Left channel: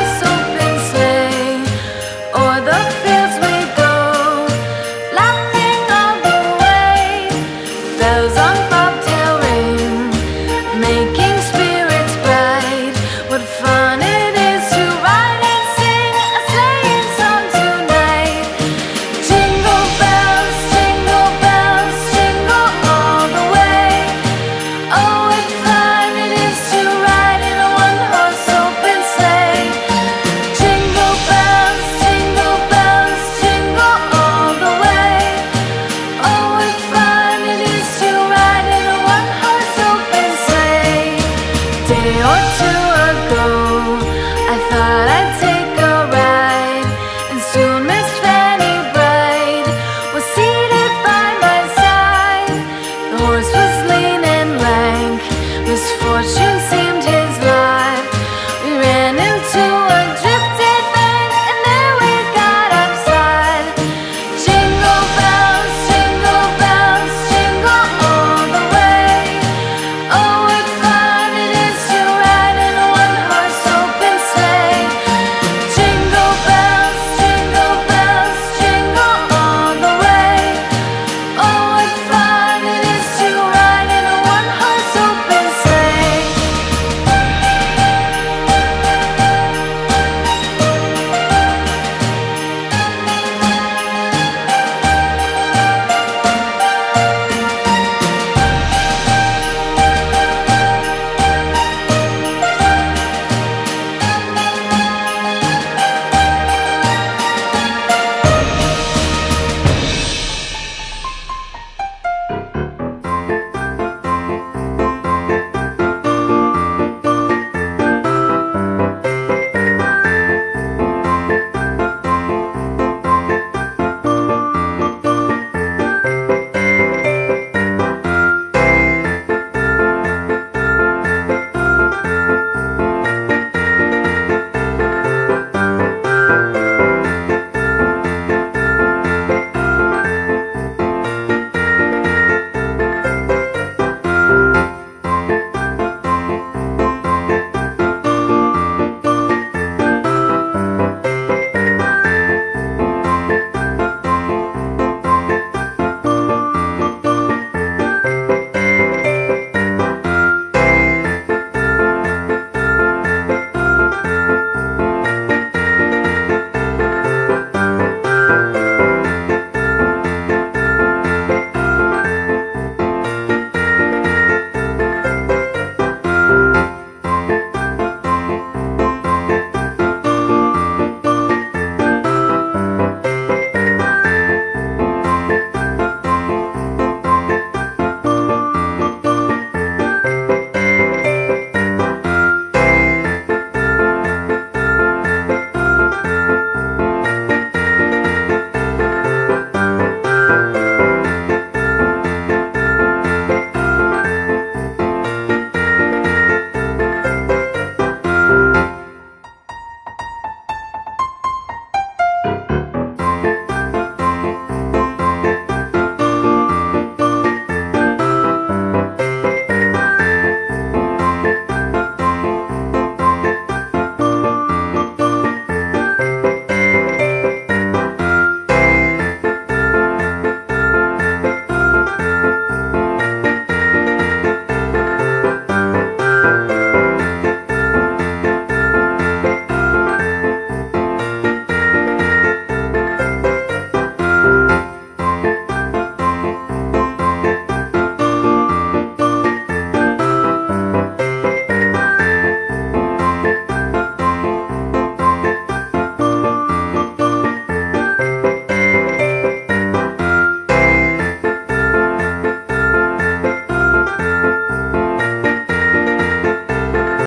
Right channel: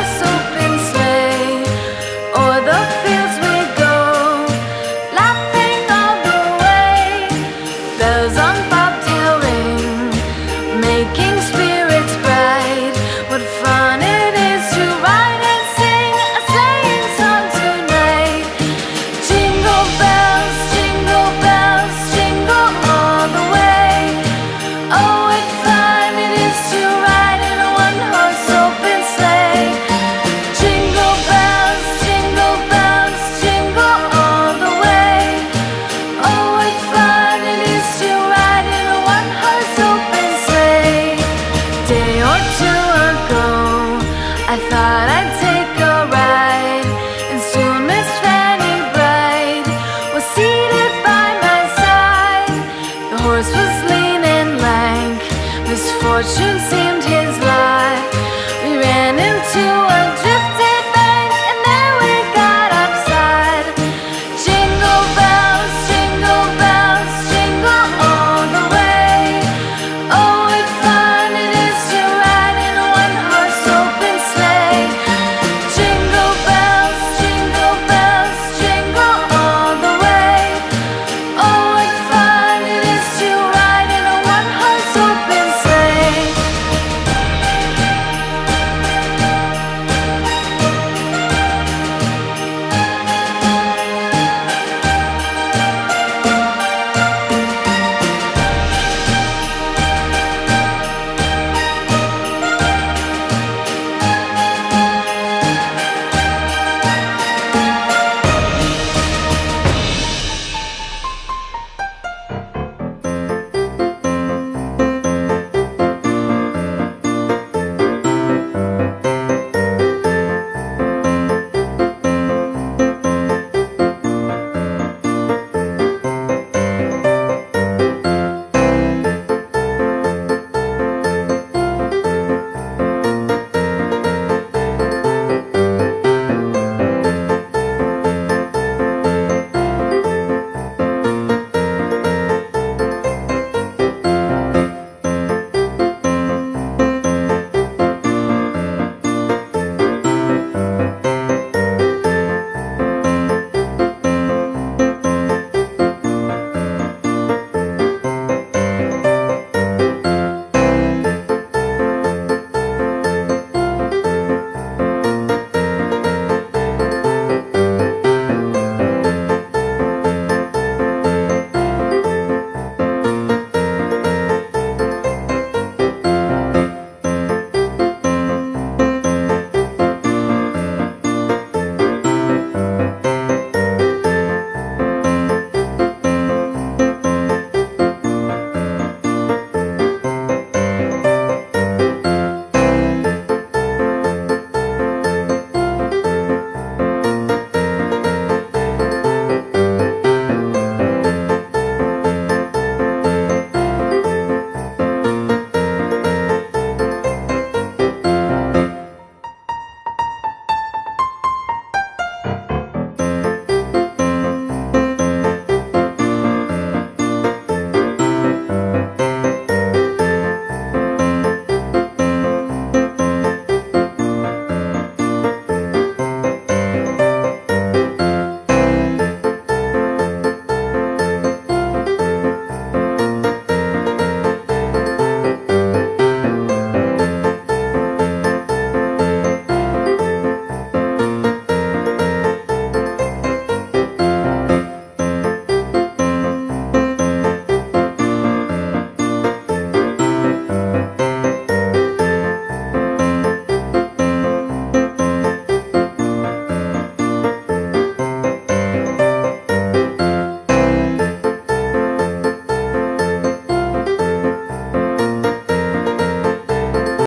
one-horse open sleigh. O'er the fields we go, laughing all the way. Bells on bobtail ring, making spirits bright. What fun it is to ride and sing a sleighing song tonight. Jingle bells, jingle all the way. Oh, what fun it is to ride in a one-horse open sleigh. Jingle bells, jingle all the way. Oh, what fun it is to ride in a one-horse open sleigh. Day or two ago, I thought I'd take a ride, and soon Miss Fanny Bright was seated by my side. The horse was lean and lank, misfortune seemed his lot. We ran into a drifted bank, and there we got upside. Jingle bells, jingle all the way. Oh, what fun it is to ride in a one-horse open sleigh. Jingle bells, jingle all the way. Oh, what fun it is to ride in a one-horse open sleigh.